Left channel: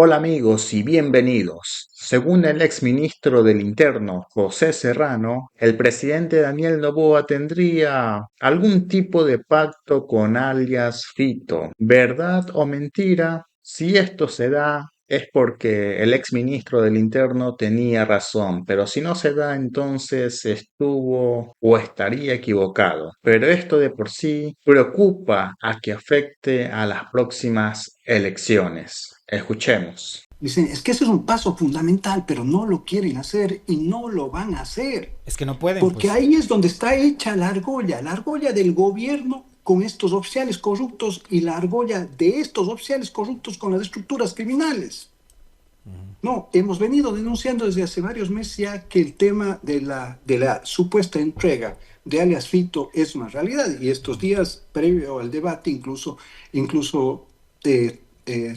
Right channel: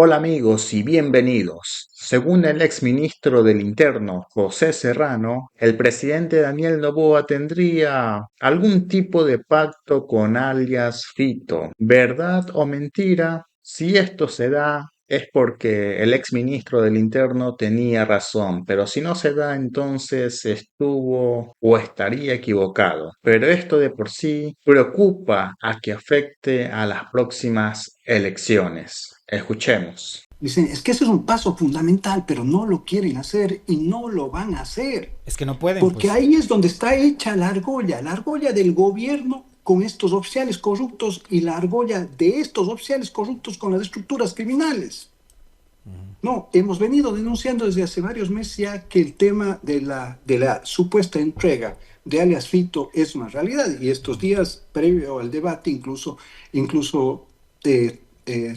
Hola amigos y bienvenidos. Según el ex ministro del Interno, José Serrano, el presidente Daniel Noboa tendría algún tipo de pacto con alias Fito. ¿Verdad o mentira? Si esto se da, es porque el ex ministro del Interno tenía razón, pero si no se da, entonces estuvo o estaría equivocado. Pero esto de por sí preocupa a que afecte a las próximas elecciones. Escuchemos. Dicen, es que ese es un paso fundamental, pero no lo quieren hacer y no lo van a hacer. Es que no pueden, Porque pues. ahí es donde está hecha la argolla del gobierno con estos oficiales corruptos y la argolla de estos oficiales corruptos con las estructuras criminales. No, hemos venido denunciando desde hace varios meses ya que el tema de la supuesta entrega de alias Fito es una realidad y estos días, previo al debate,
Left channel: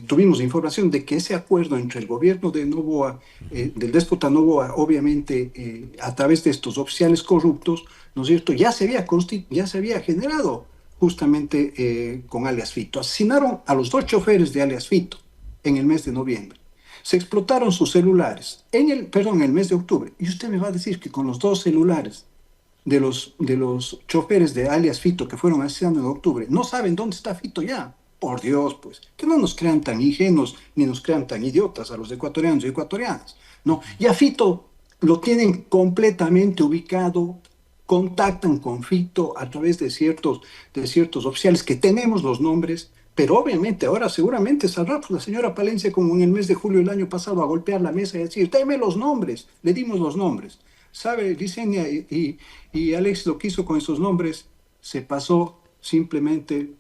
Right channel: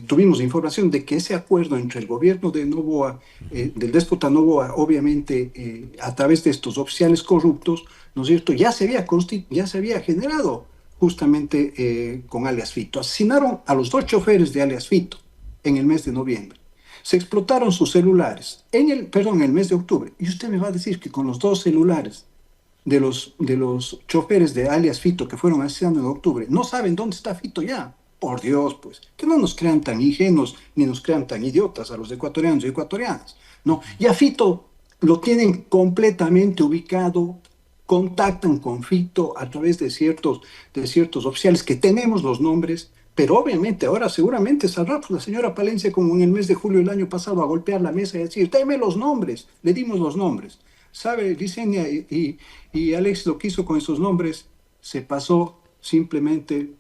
tuvimos información de que ese acuerdo entre el gobierno de Noboa, del déspota Noboa, obviamente a través de estos oficiales corruptos, ¿no es cierto?, ya se había generado justamente con alias Fito. Asesinaron a los dos choferes de alias Fito en el mes de noviembre. Se explotaron sus celulares en el mes de octubre. Y usted me va a decir que con los dos celulares de los choferes de alias Fito que fueron asesinados en octubre, no saben dónde está Fito ya. Por Dios, pues, que no nos crean tan ingenuos ni nos crean tan idiotas a los ecuatorianos y ecuatorianas. No, ya Fito lo tienen completamente ubicado, contactan con Fito a través de ciertos oficiales que tenemos los nombres, pero obviamente ahora seguramente saldrá pues, la señora Palencia como en el mes de julio del año pasado a golpear la mesa y decir, deme los nombres, le dimos los nombres. ¿Sabe, Licenia y Alex lo que hizo con esos nombres? Se pasó simplemente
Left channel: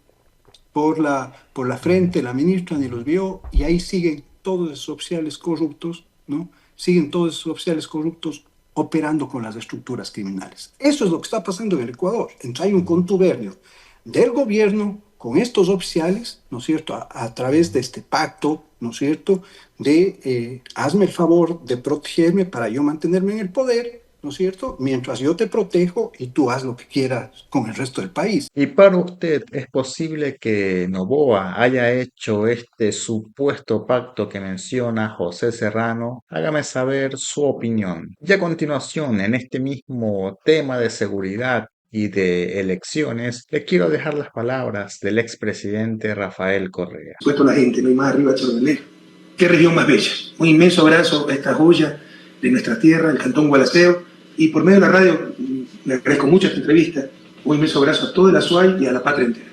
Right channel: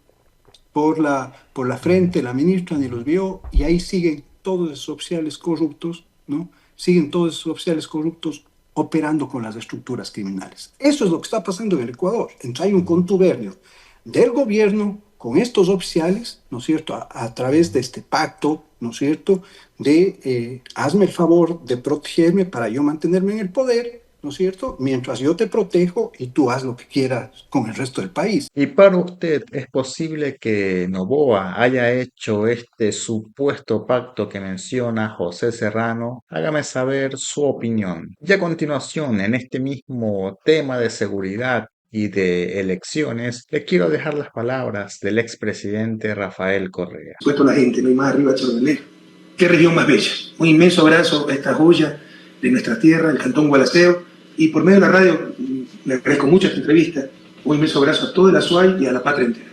por la frente, la ministra ni los vio y ahí siguen todos esos oficiales corruptos, ¿no? Siguen todos esos oficiales corruptos operando con las estructuras criminales. Eso es lo que está pasando en el Ecuador. Entonces hay un contubernio del gobierno con estos oficiales, ¿no es cierto?, a través de este pacto, ¿no es cierto?, de hazme el favor de protegerme para yo mantenerme en el poder, ¿no es cierto?, mientras yo te protejo y tú haz lo que quieras con el resto del país. ¿Y para usted es posible que Noboa haya hecho este supuesto pacto que menciona José Serrano? Hágame saber su opinión. Y a continuación, en este mismo tema de seguridad y de elecciones, le quiero dejar las palabras del expresidente Rafael Correa. Puesto la gente, no hay más arriba, Chordelé. Qué región más bella. Un inmenso abrazo a esta joya de nuestra tierra, el Cantón Gualaceo. Y por medio de la radio, le agradezco mucho esta entrevista. Un inmenso abrazo a toda la SUAY y a la patria entera.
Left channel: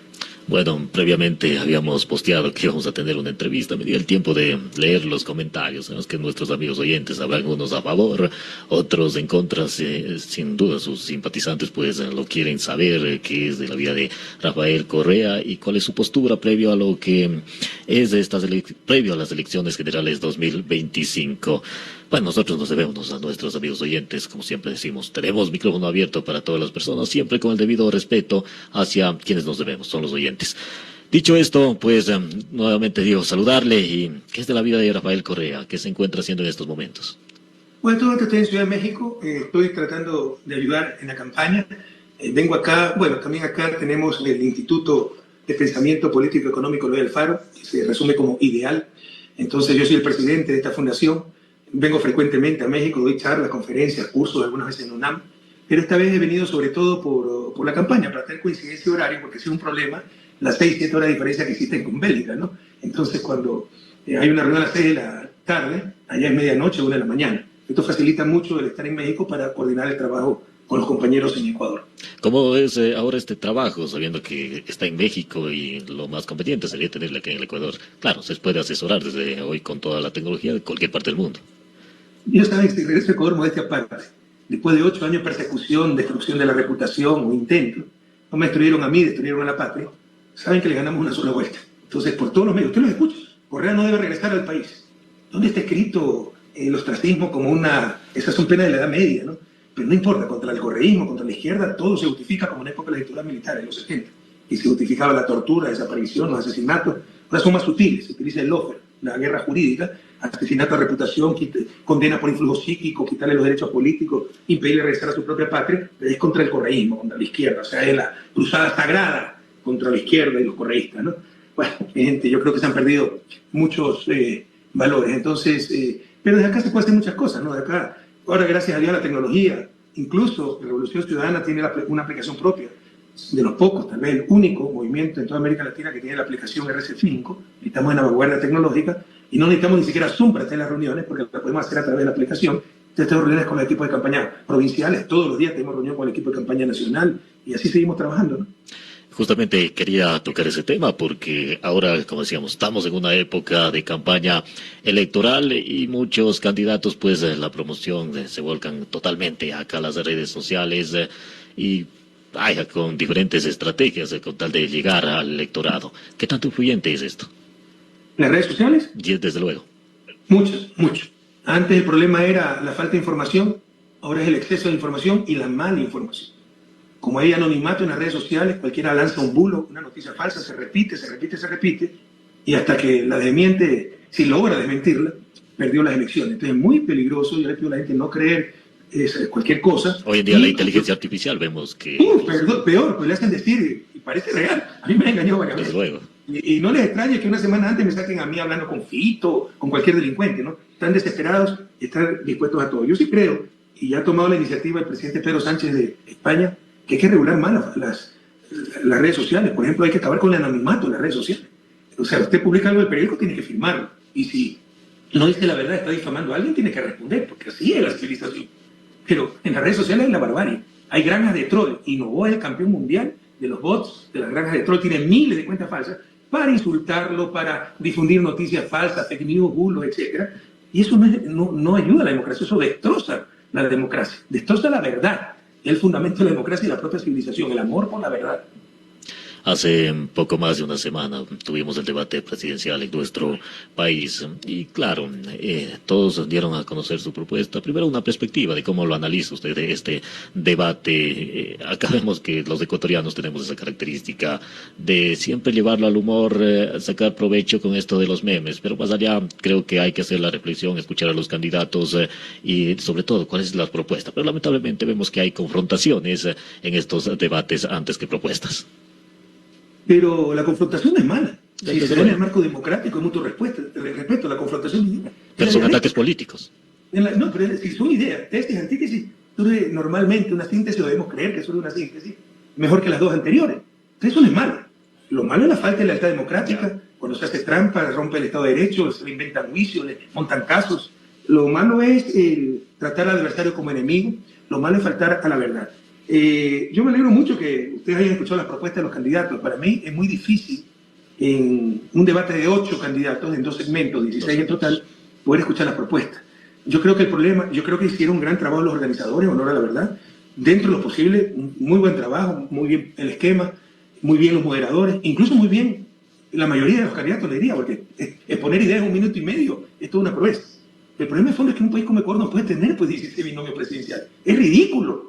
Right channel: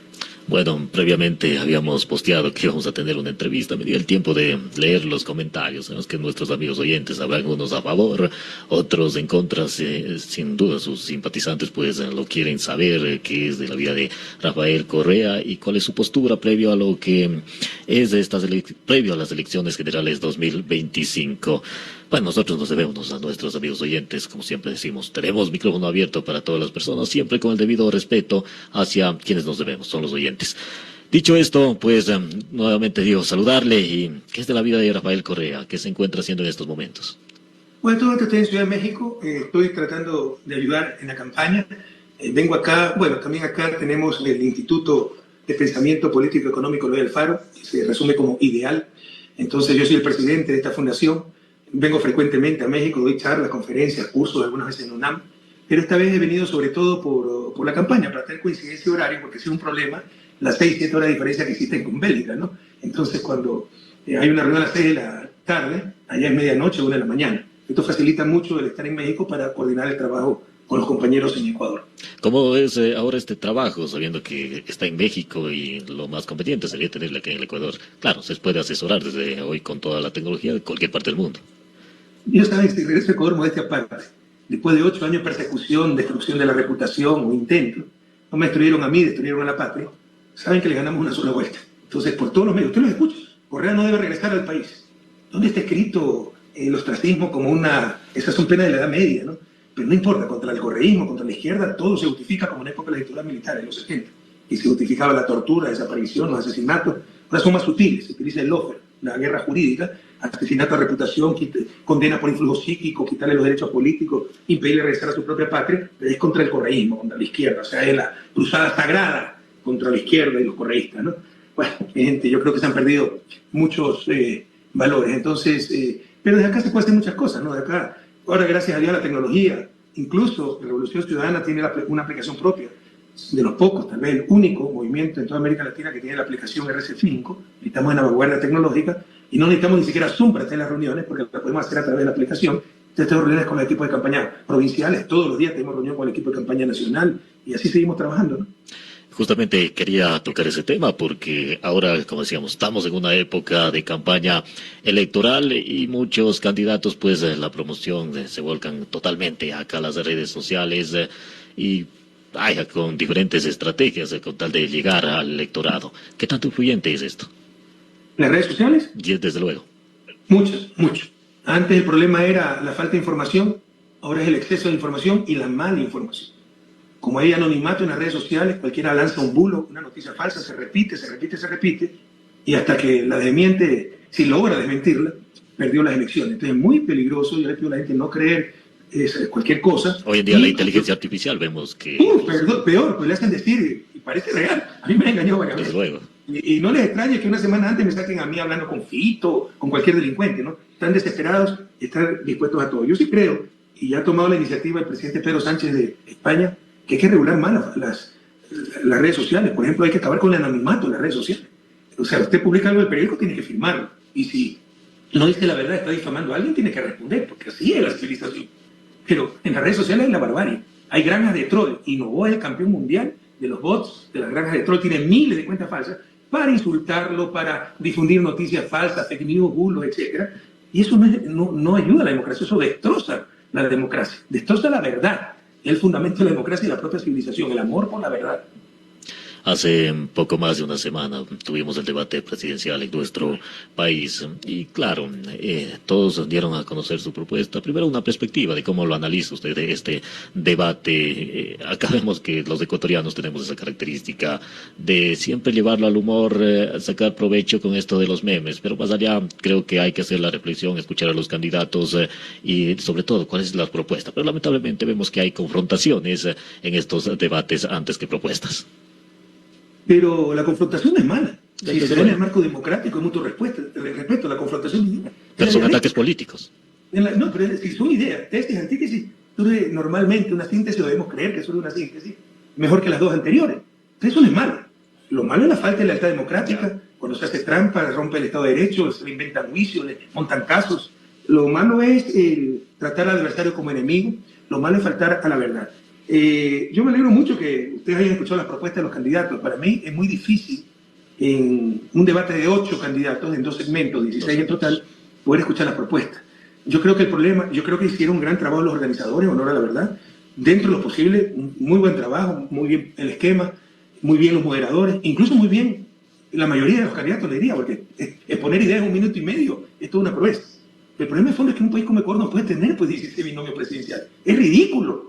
Bueno, previamente habíamos posteado que íbamos a tener una entrevista. Me di el tiempo de leer los comentarios en los que nuestros amigos oyentes hablan unos a favor, otros en contra. Sin duda sus simpatizantes pues lo quieren saber qué es de la vida de Rafael Correa y cuál es su postura previo a lo que es de previo a las elecciones generales 2025. Bueno, nosotros nos debemos a nuestros amigos oyentes, como siempre decimos, tenemos micrófono abierto para todas las personas, siempre con el debido respeto hacia quienes nos debemos, son los oyentes. Dicho esto, pues nuevamente digo saludarle y ¿qué es de la vida de Rafael Correa? ¿Qué se encuentra haciendo en estos momentos? Bueno, todo esto estoy en Ciudad de México. Estoy tratando de ayudar en la campaña. Vengo acá, bueno, también acá tenemos el Instituto de Pensamiento Político Económico Luis Alfaro, que se resume como IDEAL. Entonces yo soy el presidente de esta fundación. Vengo frecuentemente a México, doy charlas, conferencias, cursos, algunas veces en UNAM, pero esta vez he venido sobre todo por la campaña, para tener coincidencia de horario, porque es un problema las 6, 7 horas de diferencia que existen con Bélgica, ¿no? Entonces cuando hay una reunión a las 6 de la tarde, allá es medianoche o 1 de la mañana. Esto facilita mucho el estar en México para coordinar el trabajo con los compañeros en Ecuador. ¿Cómo es ahora este trabajo, sabiendo que está en México y lo más conveniente sería tenerlo aquí en el Ecuador? Claro, se puede asesorar desde hoy con toda la tecnología de cualquier parte del mundo. Yo saben que regreso a Ecuador modestia aparte. Después de 8 años de persecución, destrucción de la reputación o intento, no me destruyeron a mí, destruyeron a la patria. Saben que le ganamos una sola vuelta. Entonces, por todos los medios, usted lo escucha. Correa no debe regresar al país. ¿Dónde está escrito el ostracismo como una... Esas son penas de la Edad Media, ¿no? Pero no importa, contra el correísmo, contra la izquierda, todo se justifica como una época de la dictadura militar en los 70. Y se justificaba la tortura, desaparición, los asesinatos. Ahora son más sutiles, se utiliza el lawfare, la guerra jurídica, asesinato a reputación, condena por influjo psíquico, quitarle los derechos políticos, impedirle regresar a su propia patria, pero es contra el correísmo, contra la izquierda, o sea, es la cruzada sagrada contra la izquierda y los correístas, ¿no? Bueno, gente, yo creo que se han perdido muchos valores. Entonces, pero desde acá se puede hacer muchas cosas, ¿no? De acá, ahora gracias a Dios la tecnología, incluso la Revolución Ciudadana tiene una aplicación propia, de los pocos, tal vez el único movimiento en toda América Latina que tiene la aplicación RC5, y estamos en la vanguardia tecnológica, y no necesitamos ni siquiera Zoom para hacer las reuniones, porque lo podemos hacer a través de la aplicación. Entonces tenemos reuniones con el equipo de campaña provinciales, todos los días tenemos reunión con el equipo de campaña nacional, y así seguimos trabajando, ¿no? Justamente quería tocar ese tema porque ahora, como decíamos, estamos en una época de campaña electoral y muchos candidatos, pues, la promoción se volcan totalmente acá a las redes sociales y vaya con diferentes estrategias con tal de llegar al electorado. ¿Qué tanto influyente es esto? ¿Las redes sociales? Y desde luego. Muchas, mucho. Antes el problema era la falta de información, ahora es el exceso de información y la mala información. Como hay anonimato en las redes sociales, cualquiera lanza el bulo, una noticia falsa, se repite, y hasta que la desmiente, si logra desmentirla, perdió las elecciones. Entonces es muy peligroso el hecho de la gente no creer cualquier cosa. Hoy en día la inteligencia artificial vemos que... Peor, pues le hacen decir, y parece real. A mí me engañó varias Desde veces. luego. Y no les extraña que una semana antes me saquen a mí hablando con Fito, con cualquier delincuente, ¿no? Están desesperados y están dispuestos a todo. Yo sí creo, y ya ha tomado la iniciativa el presidente Pedro Sánchez de España, que hay que regular más las redes sociales. Por ejemplo, hay que acabar con el anonimato en las redes sociales. O sea, usted publica algo del periódico, tiene que firmarlo. Y si no dice la verdad, está difamando a alguien, tiene que responder, porque así es la civilización. Pero en las redes sociales hay la barbarie. Hay granjas de troll. Y Novoa es el campeón mundial de los bots, de las granjas de troll. Tienen miles de cuentas falsas para insultarlo, para difundir noticias falsas, fake news, bulos, etc. Y eso no ayuda a la democracia, eso destroza la democracia, destroza la verdad. Es el fundamento de la democracia y la propia civilización, el amor por la verdad. Hace poco más de una semana tuvimos el debate presidencial en nuestro país. Claro, todos dieron a conocer su propuesta. Primero, una perspectiva de cómo lo analiza usted de este debate. Acá vemos que los ecuatorianos tenemos esa característica de siempre llevarlo al humor, sacar provecho con esto de los memes. Pero más allá, creo que hay que hacer la reflexión, escuchar a los candidatos y sobre todo cuál es la propuesta. Pero lamentablemente vemos que hay confrontaciones en estos debates antes que propuestas. Pero la confrontación es mala. Si se da en el marco democrático, es mutuo respeto, la confrontación es mala. Pero son ataques políticos. No, pero son ideas. Estas antítesis, normalmente una síntesis, debemos creer que es una síntesis mejor que las dos anteriores. Eso no es malo. Lo malo es la falta de lealtad democrática, cuando se hace trampa, rompe el Estado de Derecho, se le inventan juicios, le montan casos. Lo malo es tratar al adversario como enemigo, lo malo es faltar a la verdad. Yo me alegro mucho que ustedes hayan escuchado las propuestas de los candidatos. Para mí es muy difícil en un debate de 8 candidatos, en 2 segmentos, 16 en total, poder escuchar la propuesta. Yo creo que hicieron un gran trabajo los organizadores, honor a la verdad, dentro de lo posible, un muy buen trabajo, muy bien el esquema, muy bien los moderadores, incluso muy bien la mayoría de los candidatos, le digo, porque poner ideas en 1 minuto y medio es toda una proeza. El problema de fondo es que un país como Ecuador no puede tener, pues, 16 binomios presidenciales. Es ridículo.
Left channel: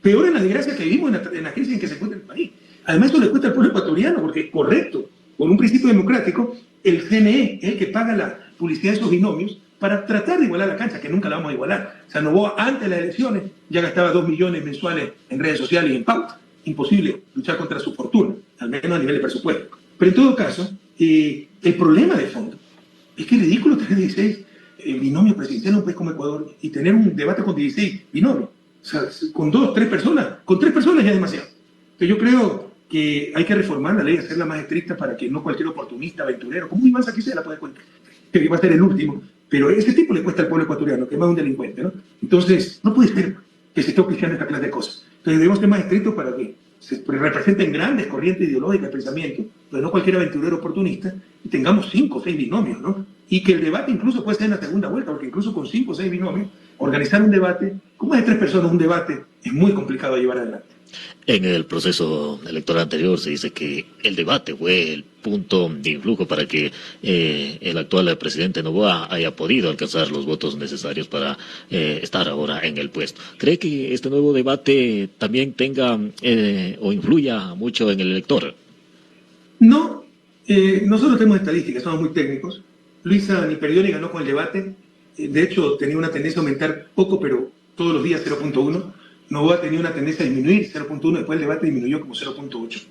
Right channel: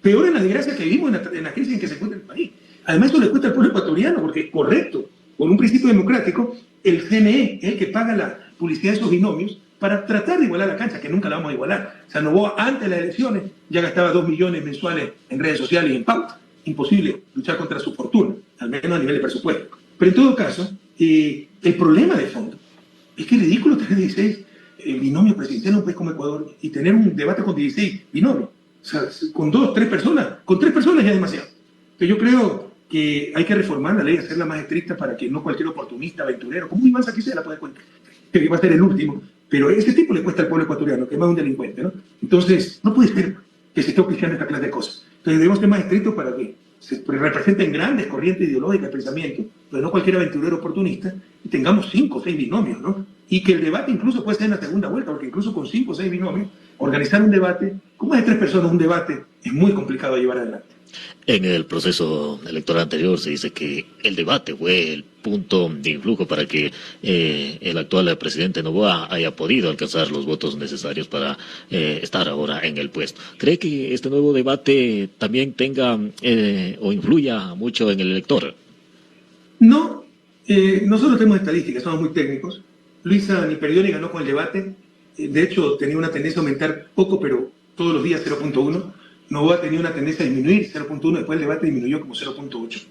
Peor es la desgracia que vivimos en la crisis en que se encuentra el país. Además, eso le cuesta al pueblo ecuatoriano, porque, correcto, por un principio democrático, el CNE es el que paga la publicidad de esos binomios para tratar de igualar la cancha, que nunca la vamos a igualar. O sea, Novoa, antes de las elecciones, ya gastaba 2 millones mensuales en redes sociales y en pauta. Imposible luchar contra su fortuna, al menos a nivel de presupuesto. Pero en todo caso, el problema de fondo es que es ridículo tener 16 binomios presidenciales en un país como Ecuador y tener un debate con 16 binomios. O sea, con 2, 3 personas, con 3 personas ya es demasiado. Entonces yo creo que hay que reformar la ley, hacerla más estricta para que no cualquier oportunista, aventurero, como Iván Saquicela la puede cuentar, que iba a ser el último, pero ese tipo le cuesta al pueblo ecuatoriano, que es más un delincuente, ¿no? Entonces, no puede ser que se esté oficiando esta clase de cosas. Entonces debemos ser más estrictos para que se representen grandes corrientes ideológicas de pensamiento, pero no cualquier aventurero oportunista, y tengamos 5 o 6 binomios, ¿no? Y que el debate incluso puede ser en la segunda vuelta, porque incluso con 5 o 6 binomios, organizar un debate, como hay 3 personas, un debate es muy complicado de llevar adelante. En el proceso electoral anterior se dice que el debate fue el punto de influjo para que el actual presidente Noboa haya podido alcanzar los votos necesarios para estar ahora en el puesto. ¿Cree que este nuevo debate también tenga o influya mucho en el elector? No, nosotros tenemos estadísticas, somos muy técnicos. Luis Niperdioli ganó con el debate. De hecho, tenía una tendencia a aumentar poco, pero todos los días 0.1. Noboa tenía una tendencia a disminuir 0.1, después el debate disminuyó como 0.8.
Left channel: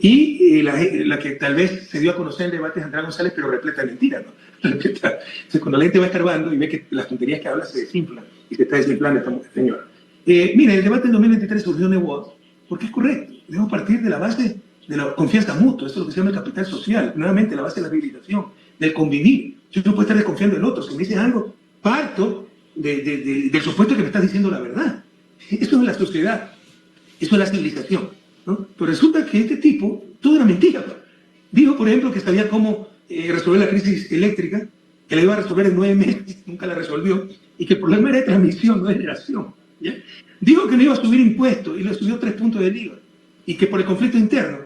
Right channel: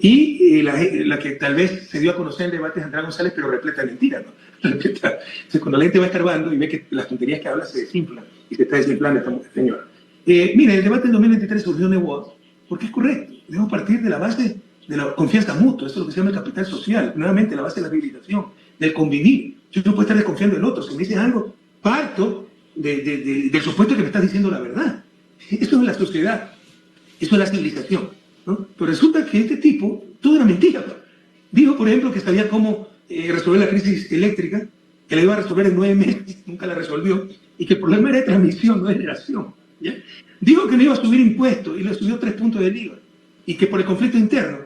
Y la que tal vez se dio a conocer en el debate es Andrés González, pero repleta de mentiras, ¿no? Entonces, cuando la gente va escarbando y ve que las tonterías que habla se desinflan y se está desinflando esta señora. Mira, el debate del 2023 surgió en Novoa porque es correcto. Debemos partir de la base de la confianza mutua. Eso es lo que se llama el capital social. Nuevamente, la base de la civilización, del convivir. Yo no puedo estar desconfiando del otro. Si me dices algo, parto del supuesto que me estás diciendo la verdad. Eso es la sociedad. Eso es la civilización, ¿no? Pero resulta que este tipo, todo era mentira. Dijo, por ejemplo, que sabía cómo resolver la crisis eléctrica, que la iba a resolver en 9 meses, nunca la resolvió, y que el problema era de transmisión, no de generación. ¿Ya? Dijo que no iba a subir impuestos y le subió 3 puntos del IVA, y que por el conflicto interno,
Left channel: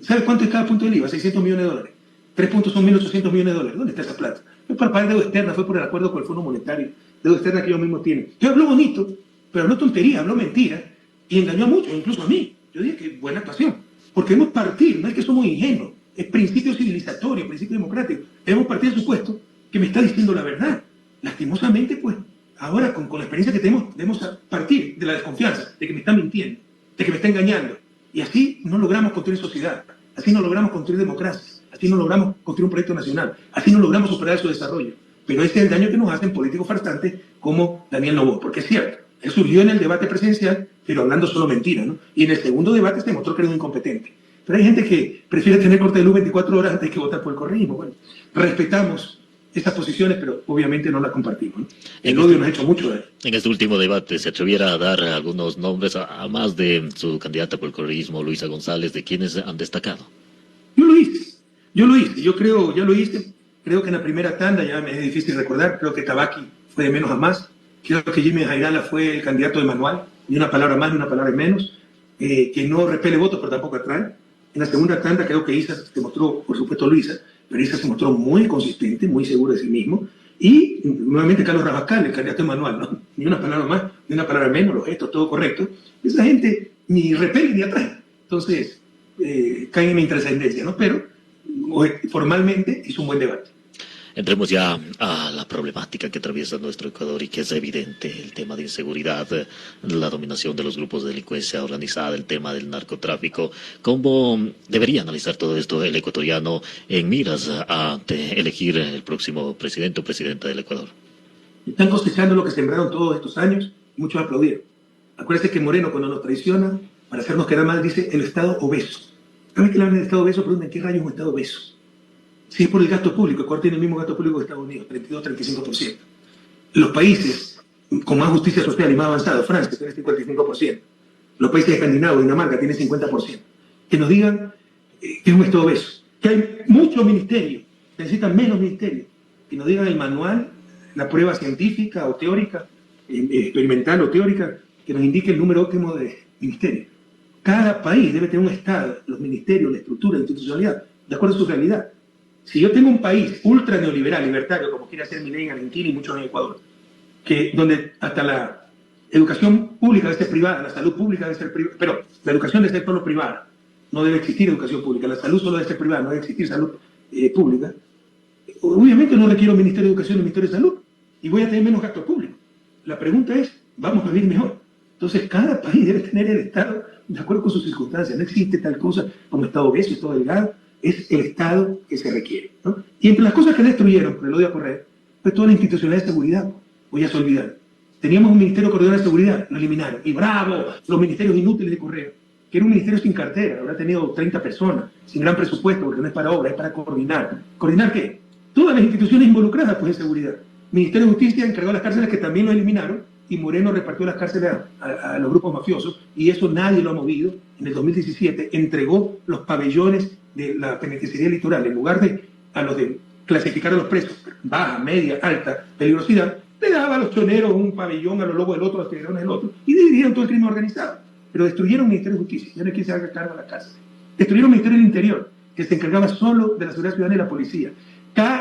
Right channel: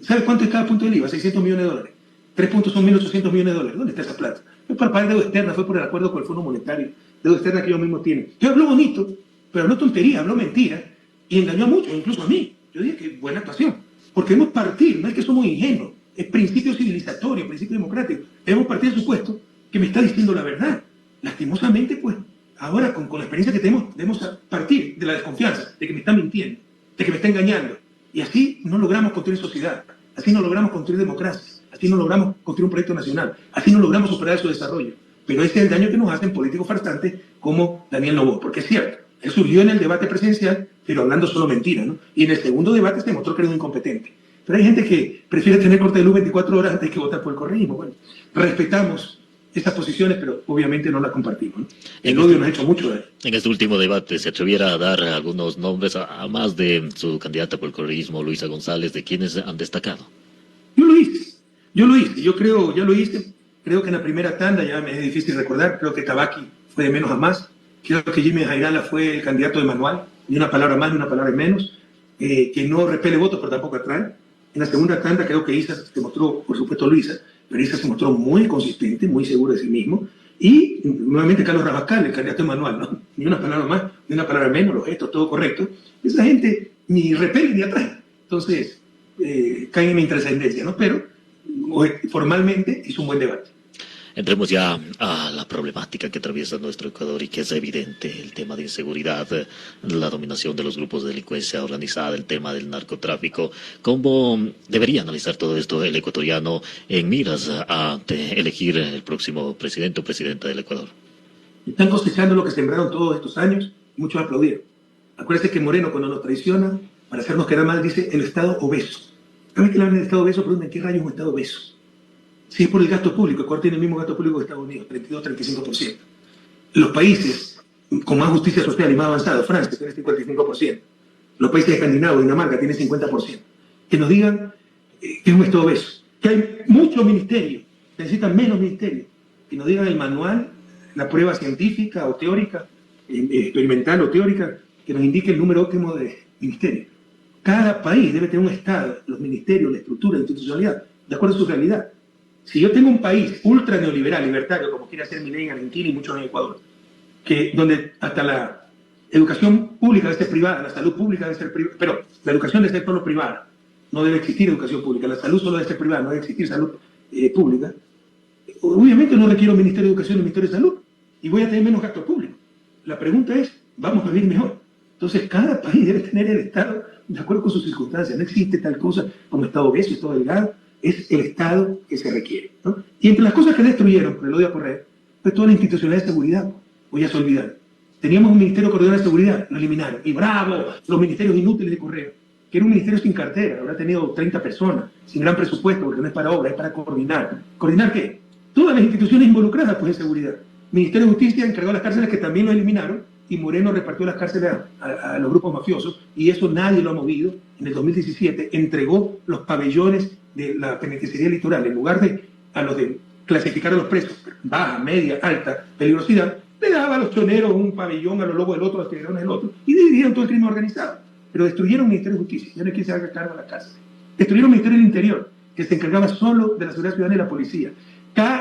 ¿sabe cuánto es cada punto del IVA? 600 millones de dólares. 3 puntos son 1.800 millones de dólares. ¿Dónde está ese plata? Fue por el país de deuda externa, fue por el acuerdo con el Fondo Monetario, deuda externa que ellos mismos tienen. Yo habló bonito, pero habló tontería, habló mentira, y engañó a muchos, incluso a mí. Yo dije que buena actuación. Porque debemos partir, no es que somos ingenuos, es principio civilizatorio, principio democrático. Debemos partir del supuesto que me está diciendo la verdad. Lastimosamente, pues, ahora con la experiencia que tenemos, debemos partir de la desconfianza, de que me está mintiendo, de que me está engañando. Y así no logramos construir sociedad, así no logramos construir democracia, así no logramos construir un proyecto nacional, así no logramos superar su desarrollo. Pero ese es el daño que nos hacen políticos farsantes como Daniel Noboa, porque es cierto. Él surgió en el debate presidencial, pero hablando solo mentira, ¿no? Y en el segundo debate se mostró que era un incompetente. Pero hay gente que prefiere tener corte de luz 24 horas antes que votar por el correísmo. Bueno, respetamos estas posiciones, pero obviamente no las compartimos, ¿no? El odio nos ha hecho mucho daño. En este último debate, ¿se atreviera a dar algunos nombres, a más de su candidata por el correísmo, Luisa González, de quienes han destacado? Yo lo hice, yo creo, ya lo hice. Creo que en la primera tanda, ya me es difícil recordar, creo que Tabaqui fue de menos a más. Creo que Jimmy Jairala fue el candidato de manual, ni una palabra más, ni una palabra menos, que no repele votos, pero tampoco atrae. En la segunda tanda creo que Isa se mostró, por supuesto Luisa, pero Isa se mostró muy consistente, muy seguro de sí mismo. Y nuevamente Carlos Rabascal, el candidato de manual, ¿no? Ni una palabra más, ni una palabra menos, los gestos, todo correcto. Esa gente ni repele ni atrae. Entonces, cae en la intrascendencia, ¿no? Pero formalmente hizo un buen debate. Entremos ya a la problemática que atraviesa nuestro Ecuador y que es evidente, el tema de inseguridad, la dominación de los grupos de delincuencia organizada, el tema del narcotráfico. ¿Cómo debería analizar todo esto el ecuatoriano en miras a elegir el próximo presidente o presidenta del Ecuador? Están cosechando lo que sembraron todos estos años, muchos aplaudieron. Acuérdense que Moreno, cuando nos traiciona, para hacernos quedar mal, dice el Estado obeso. ¿Saben que le hablan del Estado obeso? Preguntan, ¿qué rayos es un Estado obeso? Si es por el gasto público, Ecuador tiene el mismo gasto público que Estados Unidos, 32-35%. Los países con más justicia social y más avanzados, Francia tiene 55%. Los países escandinavos, Dinamarca, tienen 50%. Que nos digan que es un Estado obeso. Que hay muchos ministerios, se necesitan menos ministerios. Que nos digan el manual, la prueba científica o teórica, experimental o teórica, que nos indique el número óptimo de ministerios. Cada país debe tener un Estado, los ministerios, la estructura, la institucionalidad, de acuerdo a su realidad. Si yo tengo un país ultra neoliberal, libertario, como quiere hacer Milei en Argentina y muchos en Ecuador, donde hasta la educación pública debe ser privada, la salud pública debe ser privada, pero la educación debe ser solo privada, no debe existir educación pública, la salud solo debe ser privada, no debe existir salud pública. Obviamente no requiero un Ministerio de Educación y un Ministerio de Salud, y voy a tener menos gasto público. La pregunta es, ¿vamos a vivir mejor? Entonces, cada país debe tener el Estado de acuerdo con sus circunstancias. No existe tal cosa como Estado obeso, Estado delgado. Es el Estado que se requiere, ¿no? Y entre las cosas que destruyeron, me lo voy a correr, fue toda la institucionalidad de seguridad. Hoy ya se olvidaron. Teníamos un Ministerio Coordinador de Seguridad, lo eliminaron. Y bravo, los ministerios inútiles de Correo, que era un ministerio sin cartera, habrá tenido 30 personas, sin gran presupuesto, porque no es para obra, es para coordinar. ¿Coordinar qué? Todas las instituciones involucradas pues, en seguridad. Ministerio de Justicia encargó de las cárceles, que también lo eliminaron, y Moreno repartió las cárceles a los grupos mafiosos, y eso nadie lo ha movido. En el 2017 entregó los pabellones de la penitenciaría litoral, en lugar de a los de clasificar a los presos, baja, media, alta, peligrosidad, le daban a los choneros un pabellón, a los lobos del otro, a los tiburones del otro, y dividían todo el crimen organizado. Pero destruyeron el Ministerio de Justicia, y ahora quién se haga cargo de la cárcel. Destruyeron el Ministerio del Interior, que se encargaba solo de la seguridad ciudadana y la policía.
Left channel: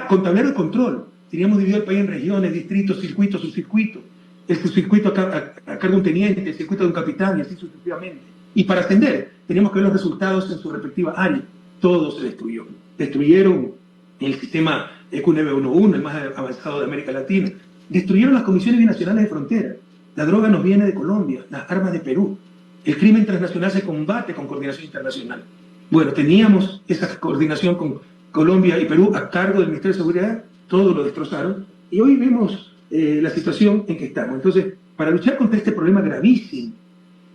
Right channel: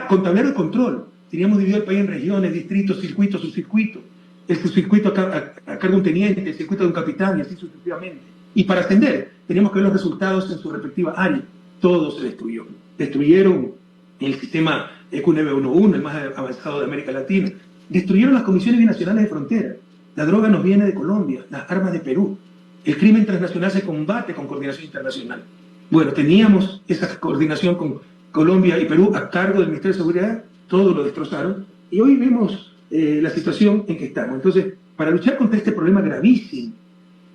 Con tablero de control, teníamos dividido el país en regiones, distritos, circuitos, subcircuitos. El subcircuito a cargo de un teniente, el circuito de un capitán, y así sucesivamente. Y para ascender, teníamos que ver los resultados en su respectiva área. Todo se destruyó. Destruyeron el sistema EQ911, el más avanzado de América Latina. Destruyeron las comisiones binacionales de frontera. La droga nos viene de Colombia, las armas de Perú. El crimen transnacional se combate con coordinación internacional. Bueno, teníamos esa coordinación con Colombia y Perú a cargo del Ministerio de Seguridad todo lo destrozaron, y hoy vemos la situación en que estamos. Entonces, para luchar contra este problema gravísimo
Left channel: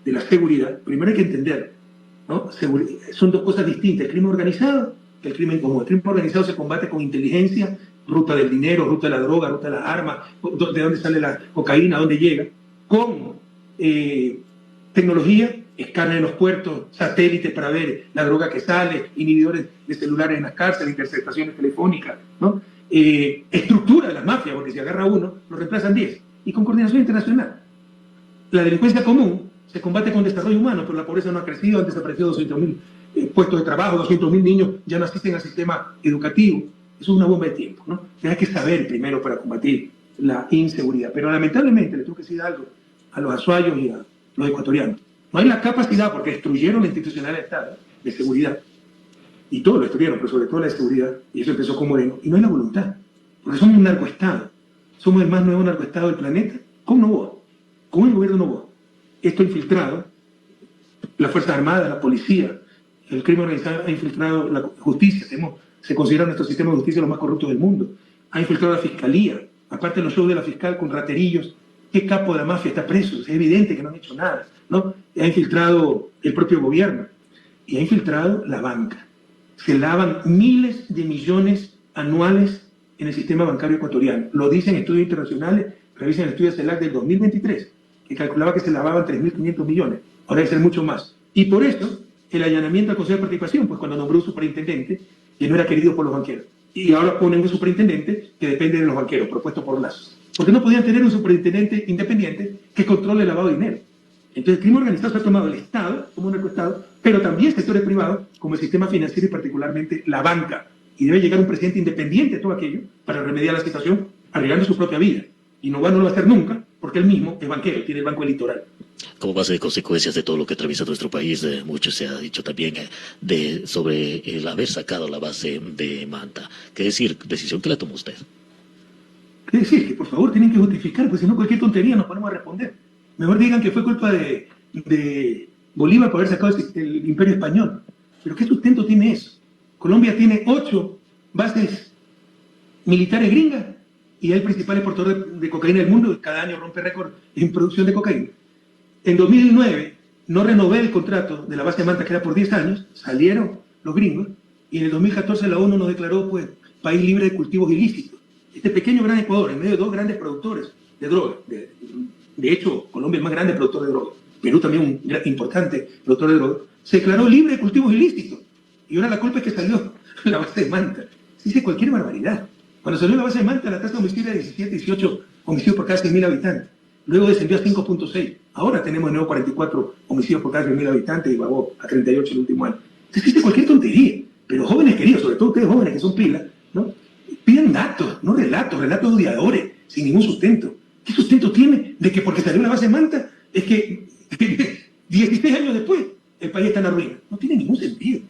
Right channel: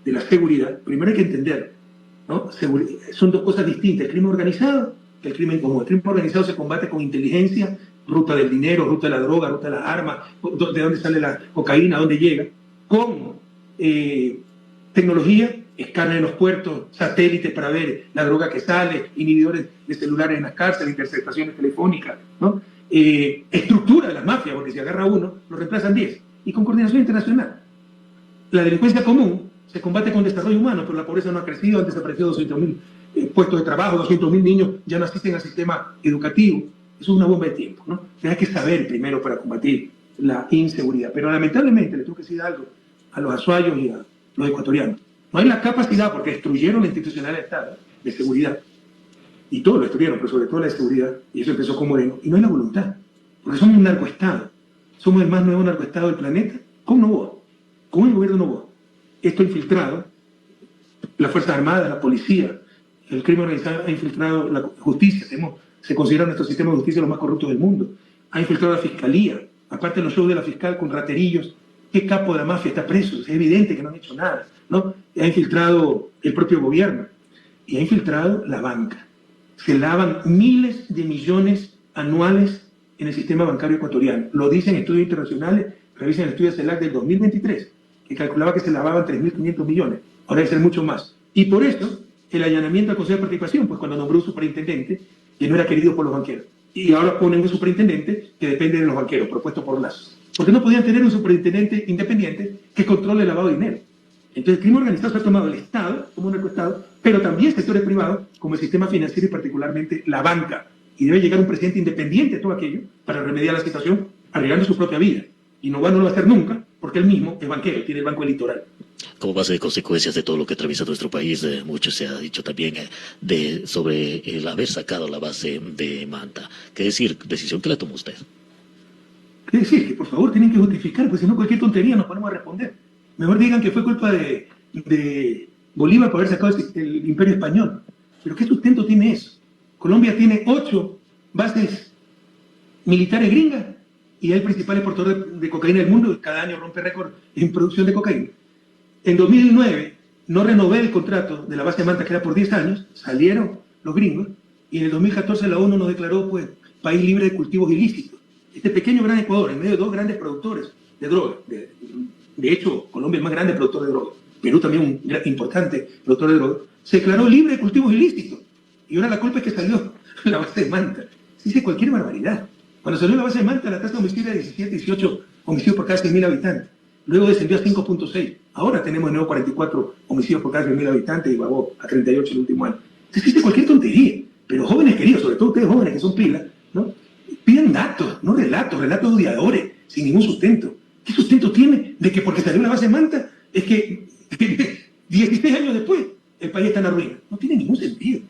de la seguridad, primero hay que entender, ¿no? Son dos cosas distintas, el crimen organizado y el crimen común. El crimen organizado se combate con inteligencia, ruta del dinero, ruta de la droga, ruta de las armas, de dónde sale la cocaína, dónde llega, con tecnología, escáner en los puertos, satélites para ver la droga que sale, inhibidores de celulares en las cárceles, interceptaciones telefónicas, ¿no? Estructura de las mafias, porque si agarra uno, lo reemplazan 10, y con coordinación internacional. La delincuencia común se combate con desarrollo humano, pero la pobreza no ha crecido, han desaparecido 200.000 puestos de trabajo, 200.000 niños ya no asisten al sistema educativo. Eso es una bomba de tiempo, ¿no? Que hay que saber primero para combatir la inseguridad. Pero lamentablemente, le tengo que decir algo a los azuayos y a los ecuatorianos. No hay la capacidad, porque destruyeron la institucionalidad del Estado de seguridad, y todo lo destruyeron, pero sobre todo la seguridad, y eso empezó con Moreno, y no hay la voluntad, porque somos un narcoestado, somos el más nuevo narcoestado del planeta, con Noboa, con el gobierno de Noboa. Esto ha infiltrado las Fuerzas Armadas, la policía, el crimen organizado ha infiltrado la justicia, se considera nuestro sistema de justicia los más corruptos del mundo, ha infiltrado la fiscalía, aparte de los shows de la fiscal con raterillos. ¿Qué capo de la mafia está preso? Es evidente que no han hecho nada, ¿no? Ha infiltrado el propio gobierno y ha infiltrado la banca. Se lavan miles de millones anuales en el sistema bancario ecuatoriano. Lo dicen estudios internacionales, revisan el estudio CELAC del 2023, que calculaba que se lavaban 3.500 millones. Ahora debe ser mucho más. Y por eso, el allanamiento al Consejo de Participación, pues cuando nombró un superintendente que no era querido por los banqueros. Y ahora ponen un superintendente que depende de los banqueros, propuesto por más. Porque no podían tener un superintendente independiente que controle el lavado de dinero. Entonces, el crimen organizado se ha tomado el Estado como un Estado, pero también sectores privados, como el sistema financiero y particularmente la banca. Y debe llegar un presidente independiente de todo aquello para remediar la situación, arreglando su propia vida. Y no lo va a hacer nunca, porque él mismo es banquero, tiene el Banco Litoral. Como base de consecuencias de todo lo que atraviesa nuestro país, mucho se ha dicho también sobre el haber sacado la base de Manta. ¿Qué decir? Decisión que la tomó usted. ¿Qué decir? Que por favor tienen que justificar, porque si no cualquier tontería nos ponemos a responder. Mejor digan que fue culpa de Bolívar por haber sacado el Imperio Español. ¿Pero qué sustento tiene eso? Colombia tiene 8 bases militares gringas y es el principal exportador de cocaína del mundo. Cada año rompe récord en producción de cocaína. En 2009 no renové el contrato de la base de Manta, que era por 10 años, salieron los gringos, y en el 2014 la ONU nos declaró pues país libre de cultivos ilícitos. Este pequeño gran Ecuador, en medio de 2 grandes productores de droga. De hecho, Colombia es más grande productor de droga, Perú también un importante productor de droga, se declaró libre de cultivos ilícitos. Y ahora la culpa es que salió la base de Manta. Se dice cualquier barbaridad. Cuando salió la base de Manta, la tasa de homicidio era de 17, 18 homicidios por cada 100.000 habitantes. Luego descendió a 5.6. Ahora tenemos de nuevo 44 homicidios por cada 100.000 habitantes y bajó a 38 el último año. Se dice cualquier tontería. Pero jóvenes queridos, sobre todo ustedes jóvenes que son pilas, ¿no? Piden datos, no relatos de odiadores, sin ningún sustento. ¿Qué sustento tiene de que porque salió la base de Manta es que 16 años después el país está en la ruina? No tiene ningún sentido.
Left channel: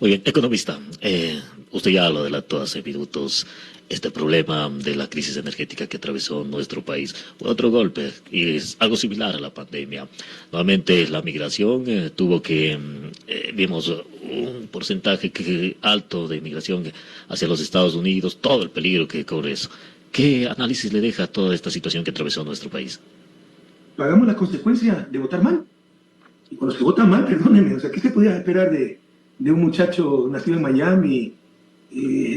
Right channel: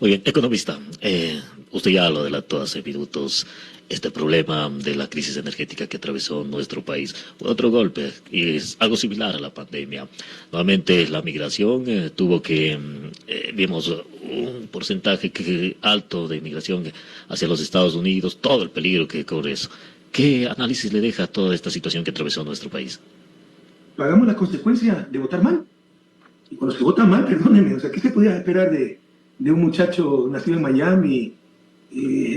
Muy bien, economista, usted ya lo adelantó hace minutos, este problema de la crisis energética que atravesó nuestro país, otro golpe, y es algo similar a la pandemia. Nuevamente la migración tuvo que, vimos un porcentaje alto de migración hacia los Estados Unidos, todo el peligro que corre eso. ¿Qué análisis le deja a toda esta situación que atravesó nuestro país? Pagamos las consecuencias de votar mal. Y cuando se vota mal, perdónenme, o sea, ¿qué se podía esperar de un muchacho nacido en Miami,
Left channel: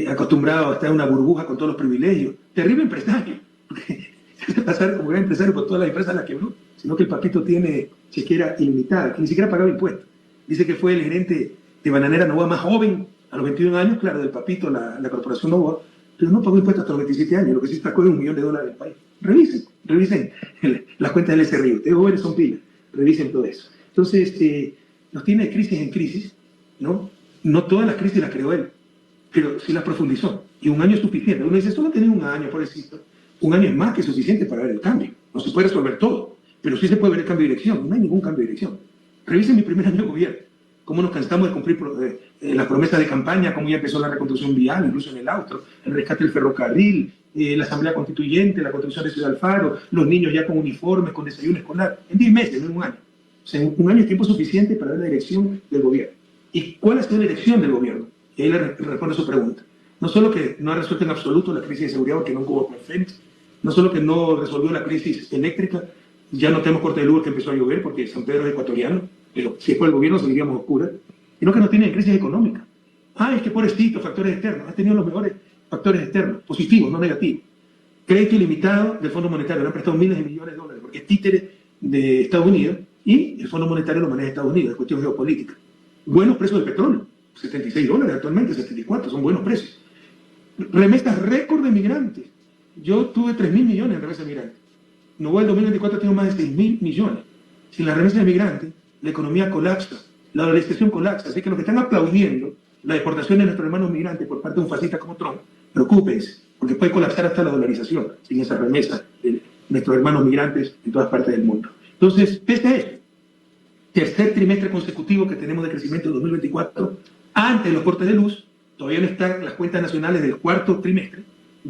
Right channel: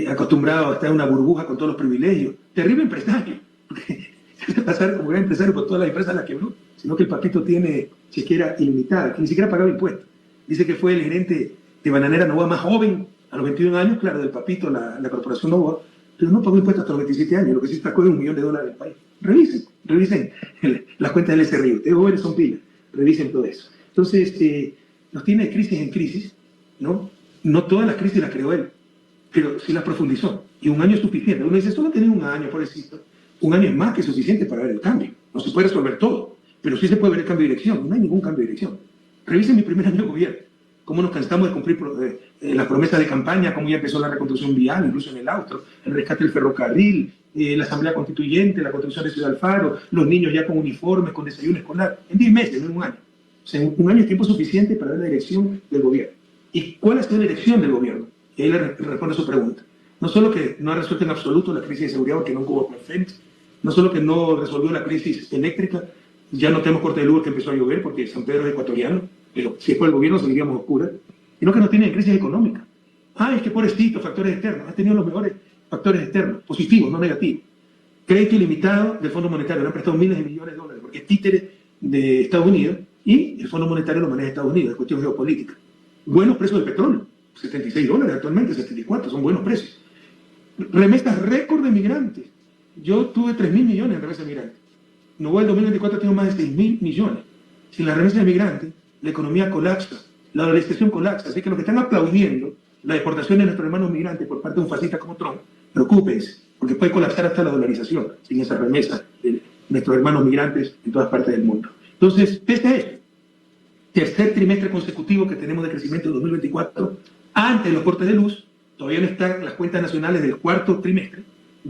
acostumbrado a estar en una burbuja con todos los privilegios? Terrible empresario. Pasar como un empresario por todas las empresas a las quebró, sino que el papito tiene chequera ilimitada, que ni siquiera pagaba impuestos. Dice que fue el gerente de Bananera Novoa más joven, a los 21 años, claro, del papito, la corporación Novoa, pero no pagó impuestos hasta los 27 años, lo que sí sacó de $1 millón del país. Revisen las cuentas del SRI. Ustedes jóvenes son pilas, revisen todo eso. Entonces, nos tiene de crisis en crisis, ¿no? No todas las crisis las creó él, pero sí las profundizó. Y 1 año es suficiente. Uno dice, solo tener 1 año, pobrecito. 1 año es más que suficiente para ver el cambio. No se puede resolver todo, pero sí se puede ver el cambio de dirección. No hay ningún cambio de dirección. Revisen mi primer año de gobierno. Cómo nos cansamos de cumplir las promesas de campaña, cómo ya empezó la reconstrucción vial, incluso en el austro, el rescate del ferrocarril, la asamblea constituyente, la construcción de Ciudad Alfaro, los niños ya con uniformes, con desayuno escolar. En 10 meses, no en 1 año. O sea, 1 año es tiempo suficiente para ver la dirección del gobierno. ¿Y cuál es la dirección del gobierno? Y ahí le respondo a su pregunta. No solo que no ha resuelto en absoluto la crisis de seguridad porque no hubo Fénix, no solo que no resolvió la crisis eléctrica, ya no tenemos corte de luz que empezó a llover porque San Pedro es ecuatoriano, pero si es por el gobierno seguiríamos oscuras, sino que no tiene crisis económica. Es que pobrecito, factores externos, ha tenido los mejores factores externos, positivos, no negativos. Crédito ilimitado del Fondo Monetario, le han prestado miles de millones de dólares, porque es títere de Estados Unidos y el Fondo Monetario lo maneja Estados Unidos, es cuestión geopolítica. Buenos precios del petróleo, $76 actualmente, 74, son buenos precios. Remesas récord de migrantes. Yo tuve 3.000 millones de remesas de migrantes. No, en 2024 tengo más de 6.000 millones. Sin la remesa de migrantes, la economía colapsa, la recesión colapsa. Así que los que están aplaudiendo la deportación de nuestros hermanos migrantes por parte de un fascista como Trump, preocúpense, porque puede colapsar hasta la dolarización sin esa remesa de nuestros hermanos migrantes en todas partes del mundo. Entonces, este es el tercer trimestre consecutivo que tenemos de crecimiento en 2024. Antes de los cortes de luz, todavía no están las cuentas nacionales del cuarto trimestre,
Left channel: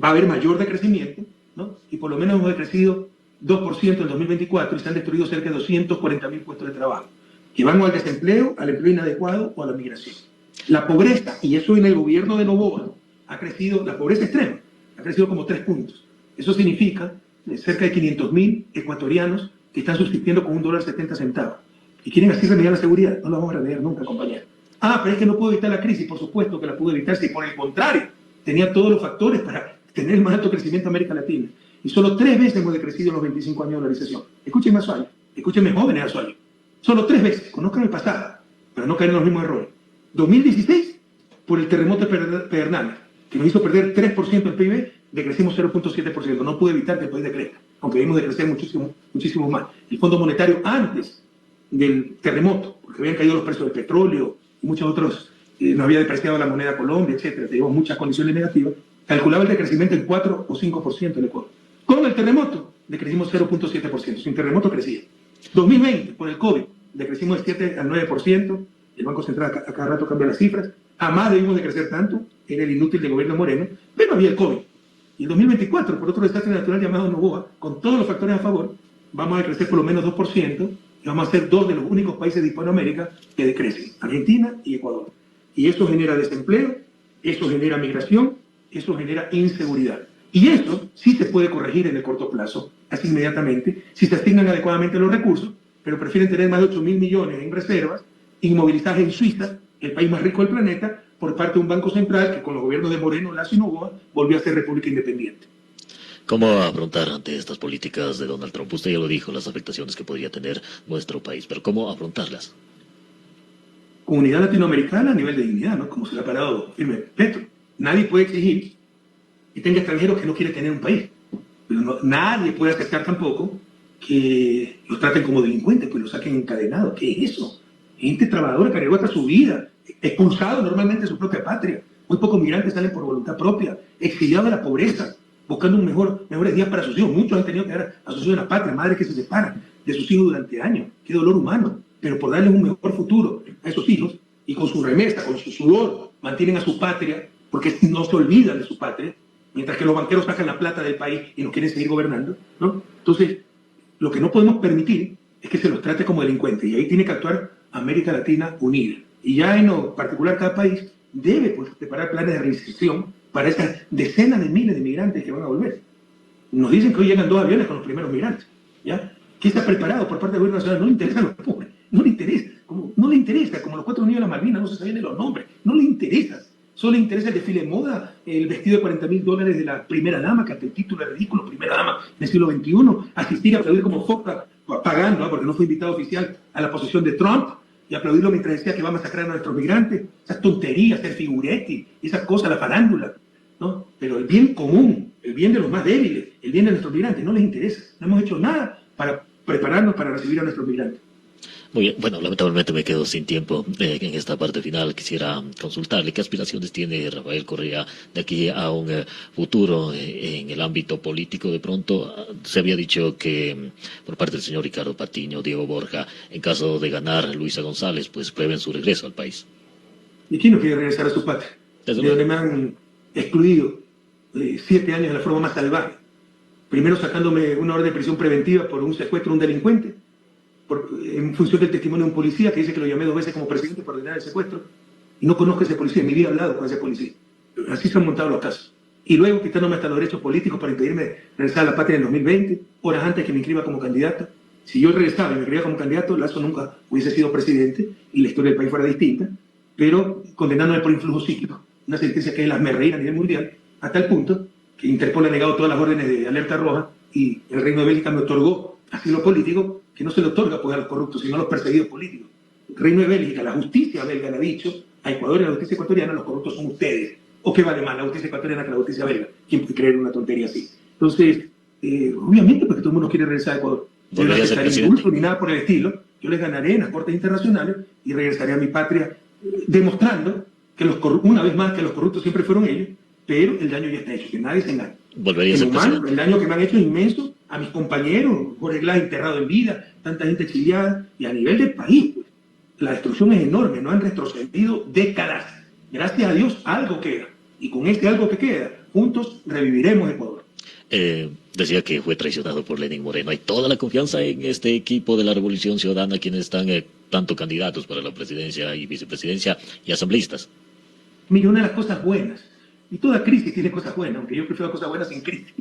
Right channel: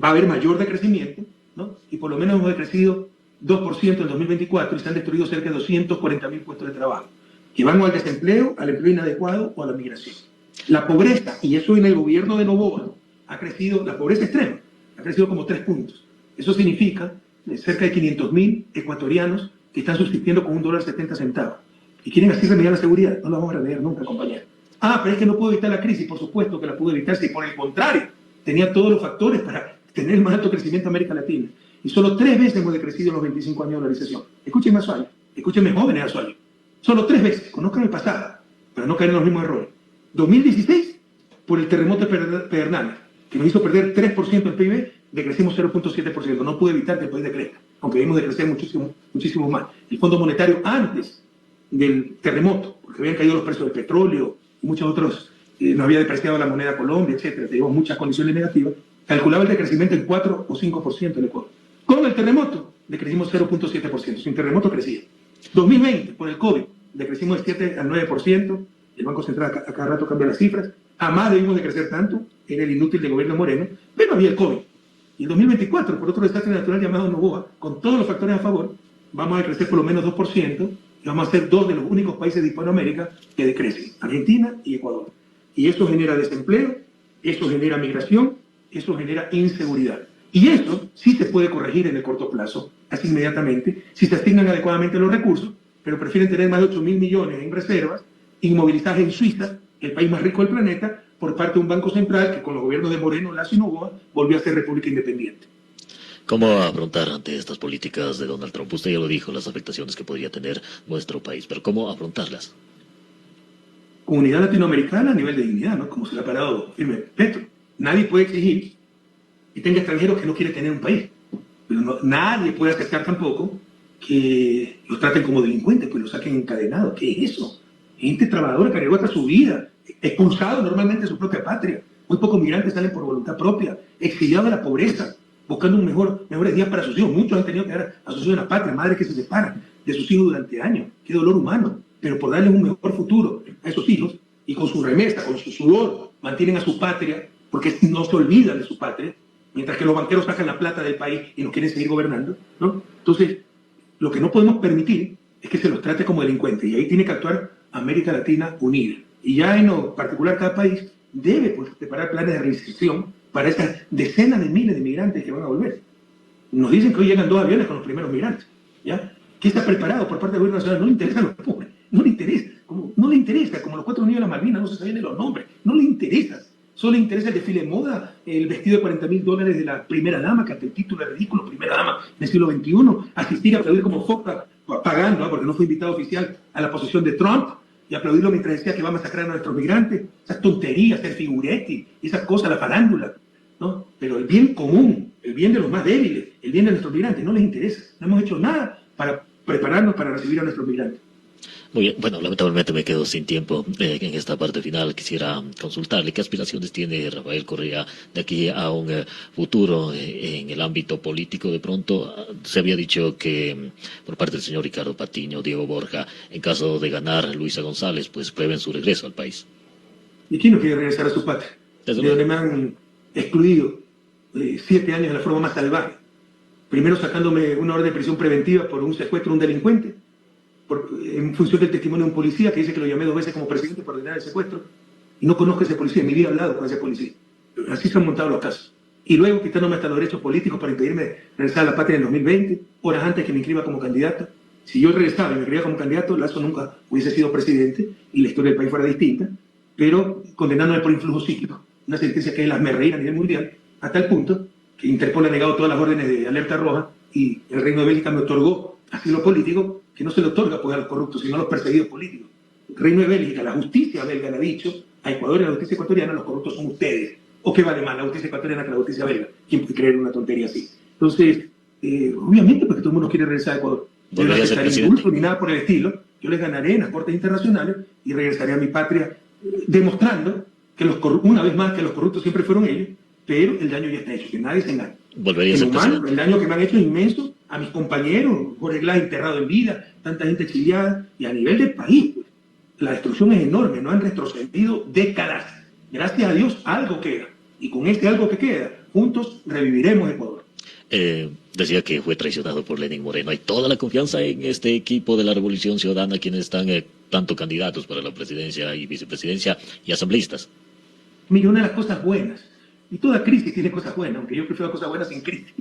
va a haber mayor decrecimiento, ¿no? Y por lo menos hemos decrecido 2% en 2024 y se han destruido cerca de 240.000 puestos de trabajo. Y vamos al desempleo, al empleo inadecuado o a la migración. La pobreza, y eso en el gobierno de Noboa, ha crecido, la pobreza extrema, ha crecido como 3 puntos. Eso significa cerca de 500.000 ecuatorianos que están subsistiendo con $1.70. Y quieren así remediar la seguridad. No la vamos a remediar nunca, compañero. Pero es que no puedo evitar la crisis. Por supuesto que la pudo evitar si por el contrario tenía todos los factores para tener el más alto crecimiento en América Latina. Y solo 3 veces hemos decrecido en los 25 años de dolarización. Escúchenme a Suárez, escúchenme jóvenes a Suárez. Solo 3 veces, conozcan el pasado, para no caer en los mismos errores. 2016, por el terremoto de Pedernales, que nos hizo perder 3% del PIB, decrecimos 0.7%. No pude evitar que el país decrezca, aunque debimos decrecer muchísimo, muchísimo más. El Fondo Monetario, antes del terremoto, porque habían caído los precios del petróleo y muchos otros, nos había depreciado la moneda Colombia, etcétera, teníamos muchas condiciones negativas, calculaba el decrecimiento en 4 o 5% en Ecuador. Con el terremoto, decrecimos 0.7%. Sin terremoto crecía. 2020, por el COVID, decrecimos el 7 al 9%. El Banco Central a cada rato cambia las cifras. Jamás debimos de crecer tanto. Era el inútil del gobierno de Moreno. Pero había el COVID. Y el 2024, por otro desastre natural llamado Noboa, con todos los factores a favor, vamos a crecer por lo menos 2%. Y vamos a ser 2 de los únicos países de Hispanoamérica que decrecen. Argentina y Ecuador. Y eso genera desempleo, eso genera migración, eso genera inseguridad. Y eso sí se puede corregir en el corto plazo, así inmediatamente, si se asignan adecuadamente los recursos, pero prefieren tener más de 8.000 millones en reservas, inmovilizaje en Suiza, el país más rico del planeta, por parte de un banco central que con los gobiernos de Moreno, Lazo y Noboa, volvió a ser república independiente. ¿Cómo afrontar ante estas políticas de Donald Trump? Usted ya lo dijo, las afectaciones que podría tener nuestro país, pero ¿cómo afrontarlas? Comunidad latinoamericana a nivel de dignidad, ¿no? Como se le ha parado Petro. Nadie puede exigir que tenga extranjeros que no quiere tener un país. Pero nadie puede aceptar tampoco que lo traten como delincuentes, pues lo saquen encadenados. ¿Qué es eso? Gente trabajadora que arriesgó hasta su vida, expulsado normalmente de su propia patria. Muy pocos migrantes salen por voluntad propia, exiliados a la pobreza, buscando mejores días para sus hijos. Muchos han tenido que dar a sus hijos en la patria, madres que se separan de sus hijos durante años. Qué dolor humano. Pero por darles un mejor futuro a esos hijos y con su remesa, con su sudor, mantienen a su patria, porque no se olvidan de su patria, mientras que los banqueros sacan la plata del país y nos quieren seguir gobernando, ¿no? Entonces, lo que no podemos permitir es que se los trate como delincuentes, y ahí tiene que actuar América Latina unida. Y ya en lo particular cada país debe pues, preparar planes de reinserción para esas decenas de miles de migrantes que van a volver. Nos dicen que hoy llegan 2 aviones con los primeros migrantes, ¿ya? ¿Qué está preparado por parte del gobierno nacional? No le interesa. No le interesa. No le interesa. Los 4 millones más no se saben los nombres. No le interesa. Solo le interesa que se le muda el vestido de $40.000 de la primera dama, que hasta el título es ridículo, primera dama del siglo XXI, asistir a aplaudir como foca, pagando, ¿no? Porque no fue invitado oficial a la posesión de Trump, y aplaudirlo mientras decía que va a masacrar a nuestros migrantes. Esas tonterías, el figuretti, esas cosas, la farándula, ¿no? Pero el bien común, el bien de los más débiles, el bien de nuestros migrantes, no les interesa. No hemos hecho nada para prepararnos para recibir a nuestros migrantes. Muy bien, bueno, lamentablemente me quedo sin tiempo en esta parte final. Quisiera consultarle qué aspiraciones tiene Rafael Correa de aquí a un futuro en el ámbito político. De pronto se había dicho que por parte del señor Ricardo Patiño, Diego Borja, en caso de ganar Luisa González, pues prevén su regreso al país. ¿Y quién no quiere regresar a su patria? De donde me han excluido 7 años de la forma más salvaje. Primero sacándome una orden de prisión preventiva por un secuestro de un delincuente, en función del testimonio de un policía que dice que lo llamé 2 veces como presidente para ordenar el secuestro, y no conozco a ese policía, en mi vida he hablado con ese policía. así se han montado los casos. Y luego quitándome hasta los derechos políticos para impedirme regresar a la patria en el 2020, horas antes que me inscriba como candidato. Si yo regresaba y me inscribía como candidato, Lazo nunca hubiese sido presidente y la historia del país fuera distinta, pero condenándome por influjo psíquico. Una sentencia que es la reír a nivel mundial, a tal punto que Interpol ha negado todas las órdenes de alerta roja y el Reino de Bélgica me otorgó asilo político, que no se le otorga a los corruptos, sino a los perseguidos políticos. El Reino de Bélgica, la justicia belga le ha dicho a Ecuador y a la justicia ecuatoriana, los corruptos son ustedes. ¿O qué vale más la justicia ecuatoriana que la justicia belga? ¿Quién puede creer una tontería así? Entonces, obviamente, porque todo el mundo quiere regresar a Ecuador. No Volvería a ser necesitaría presidente. indulto ni nada por el estilo. Yo les ganaré en las cortes internacionales y regresaré a mi patria, demostrando que una vez más que los corruptos siempre fueron ellos, pero el daño ya está hecho, que nadie se engañe. Volvería a El ser humano, presidente. el daño que me han hecho es inmenso a mis compañeros, Jorge Glass enterrado en vida, tanta gente exiliada, y a nivel del país, pues, la destrucción es enorme, no han retrocedido décadas. Gracias a Dios, algo queda. Y con este algo que queda, juntos reviviremos Ecuador. Decía que fue traicionado por Lenín Moreno. Hay toda la confianza en este equipo de la Revolución Ciudadana, quienes están tanto candidatos para la presidencia y vicepresidencia y asambleístas. Mire, una de las cosas buenas, y toda crisis tiene cosas buenas, aunque yo prefiero cosas buenas sin crisis.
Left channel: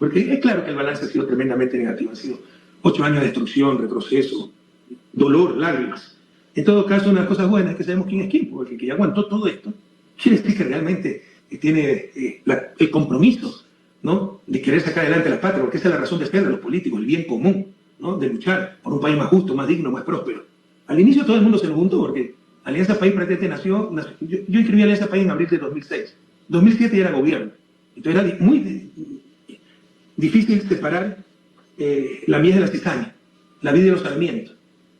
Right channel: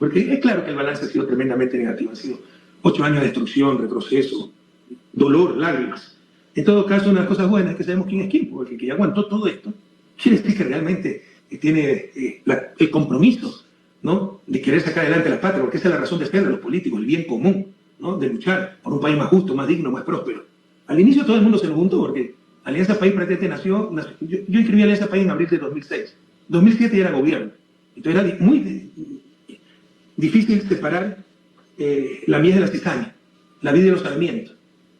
Porque es claro que el balance ha sido tremendamente negativo. Han sido 8 años de destrucción, retroceso, dolor, lágrimas. En todo caso, una de las cosas buenas es que sabemos quién es quién, porque el que ya aguantó todo esto quiere decir que realmente tiene el compromiso, ¿no?, de querer sacar adelante a la patria, porque esa es la razón de ser de los políticos, el bien común, ¿no?, de luchar por un país más justo, más digno, más próspero. Al inicio todo el mundo se nos juntó, porque Alianza País prácticamente nació yo inscribí a Alianza País en abril de 2006. 2007 ya era gobierno. Entonces era muy difícil separar la miel de la cizaña, la vida de los sarmientos.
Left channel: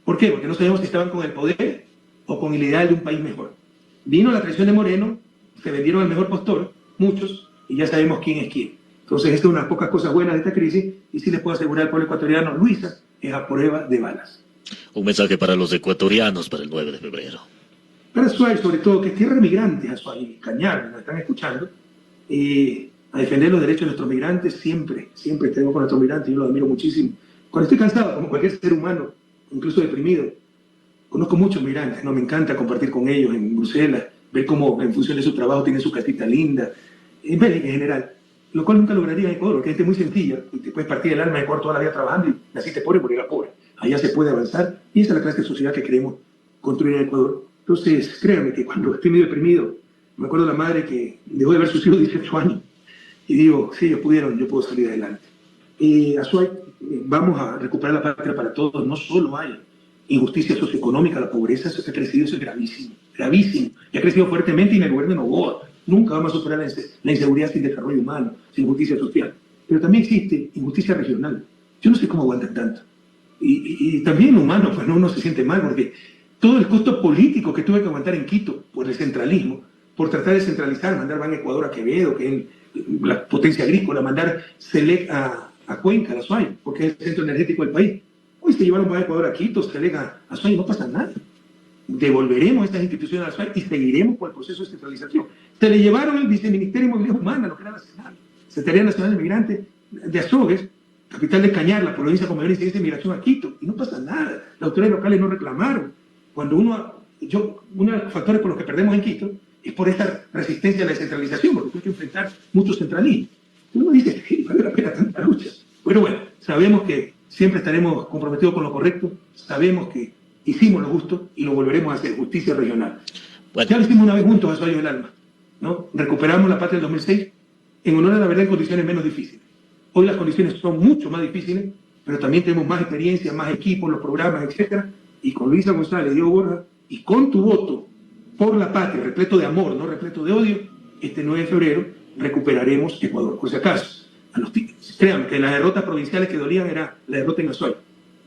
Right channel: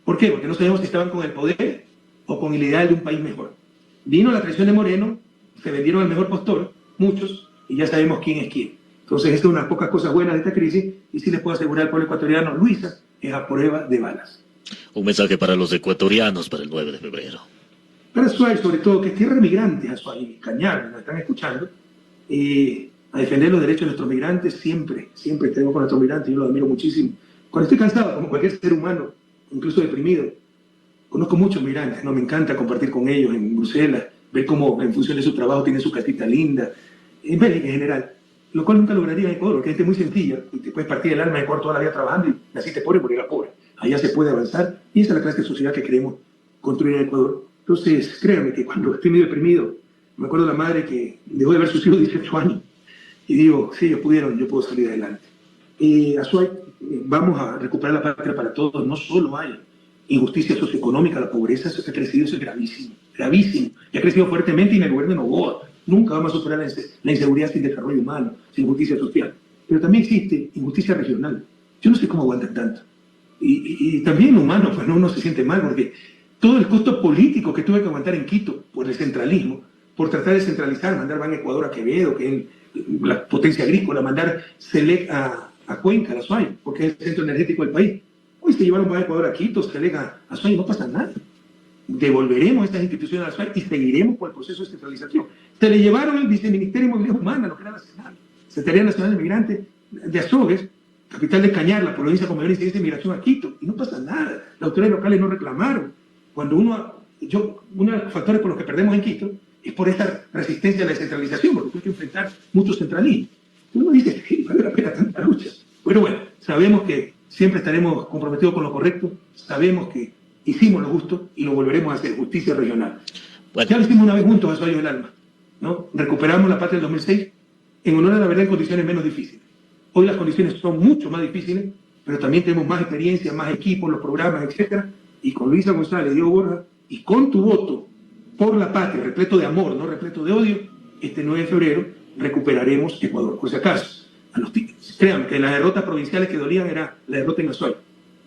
¿Por qué? Porque no sabemos si estaban con el poder o con el ideal de un país mejor. Vino la traición de Moreno, se vendieron al mejor postor, muchos, y ya sabemos quién es quién. Entonces, esta es una de las pocas cosas buenas de esta crisis, y sí les puedo asegurar al pueblo ecuatoriano, Luisa es a prueba de balas. Un mensaje para los ecuatorianos para el 9 de febrero. Para Azuay, sobre todo, que tierra migrantes, Azuay, Cañar, nos están escuchando, a defender los derechos de nuestros migrantes, siempre tenemos con nuestros migrantes, yo los admiro muchísimo. Cuando estoy cansado, como cualquier ser humano, incluso deprimido, conozco muchos migrantes, ¿no? Me encanta compartir con ellos en Bruselas, ver cómo en función de su trabajo tienen su casita linda, en general, lo cual nunca lograría en Ecuador, porque es muy sencilla, y te puedes partir el alma de Ecuador toda la vida trabajando, así te pobre, morir pobre. Allá se puede avanzar, y esa es la clase de sociedad que queremos construir en Ecuador. Entonces, créanme que cuando estoy medio deprimido, me acuerdo de la madre que dejó de ver sus hijos 18 años, y digo, sí, ellos pudieron, yo puedo salir adelante. Azuay, vamos a recuperar la patria para todos, no solo hay injusticia socioeconómica, la pobreza, eso que ha crecido, eso es gravísimo, gravísimo. Y ha crecido fuertemente en el gobierno de Noboa. Nunca vamos a superar la inseguridad sin desarrollo humano, sin justicia social. Pero también existe injusticia regional. Yo no sé cómo aguantan tanto. Y también humano, pues no, uno se siente mal, porque todo el costo político que tuve que aguantar en Quito por el centralismo, por tratar de centralizar, mandar Ban Ecuador a Quevedo, que es la potencia agrícola, mandar Selec a Cuenca, a Azuay, porque es el centro energético del país. Hoy se llevaron Ban Ecuador a Quito, Selec a Azuay, no pasa nada. Devolveremos estas instituciones a Azuay y seguiremos con el proceso de centralización. Se le llevaron el Viceministerio de Movilidad Humana, lo que era nacional, Secretaría Nacional de Migrantes de Azogues, capital de Cañar, la provincia con mayor incidencia de migración a Quito, y no pasa nada. Las autoridades locales no reclamaron. Cuando uno de los factores por los que perdemos en Quito es por esta resistencia a la descentralización, porque hay que enfrentar mucho centralismo. Y uno dice, ¿qué vale la pena tanta lucha? Bueno, sabemos que siempre estaremos comprometidos con lo correcto, sabemos que hicimos lo justo y lo volveremos a hacer, justicia regional. Ya lo hicimos una vez juntos, Azuay del Alma, ¿no? Recuperamos la patria del 2006 en honor a la verdad en condiciones menos difíciles. Hoy las condiciones son mucho más difíciles, pero también tenemos más experiencia, más equipos, los programas, etc. Y con Luisa González y Diego Borja, y con tu voto por la patria, repleto de amor, no repleto de odio, este 9 de febrero recuperaremos Ecuador. Por si acaso, créanme que las derrotas provinciales que dolían era la derrota en Azuay,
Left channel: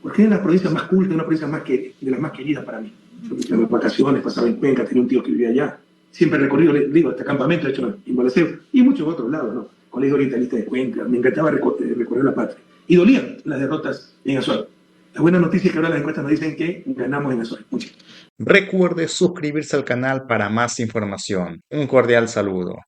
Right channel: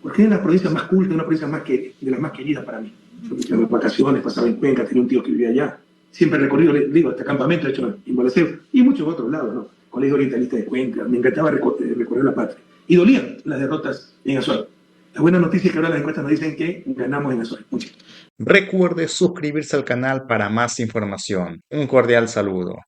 porque es la provincia más culta, una provincia de las más queridas para mí. Yo me echaba vacaciones, pasaba en Cuenca, tenía un tío que vivía allá. Siempre he recorrido, digo, hasta campamento, he hecho en Balaceo, y en muchos otros lados, ¿no? Colegio Orientalista de Cuenca, me encantaba recorrer la patria. Y dolían las derrotas en Azuay. La buena noticia es que ahora las encuestas nos dicen que ganamos en Azuay. Recuerde suscribirse al canal para más información. Un cordial saludo.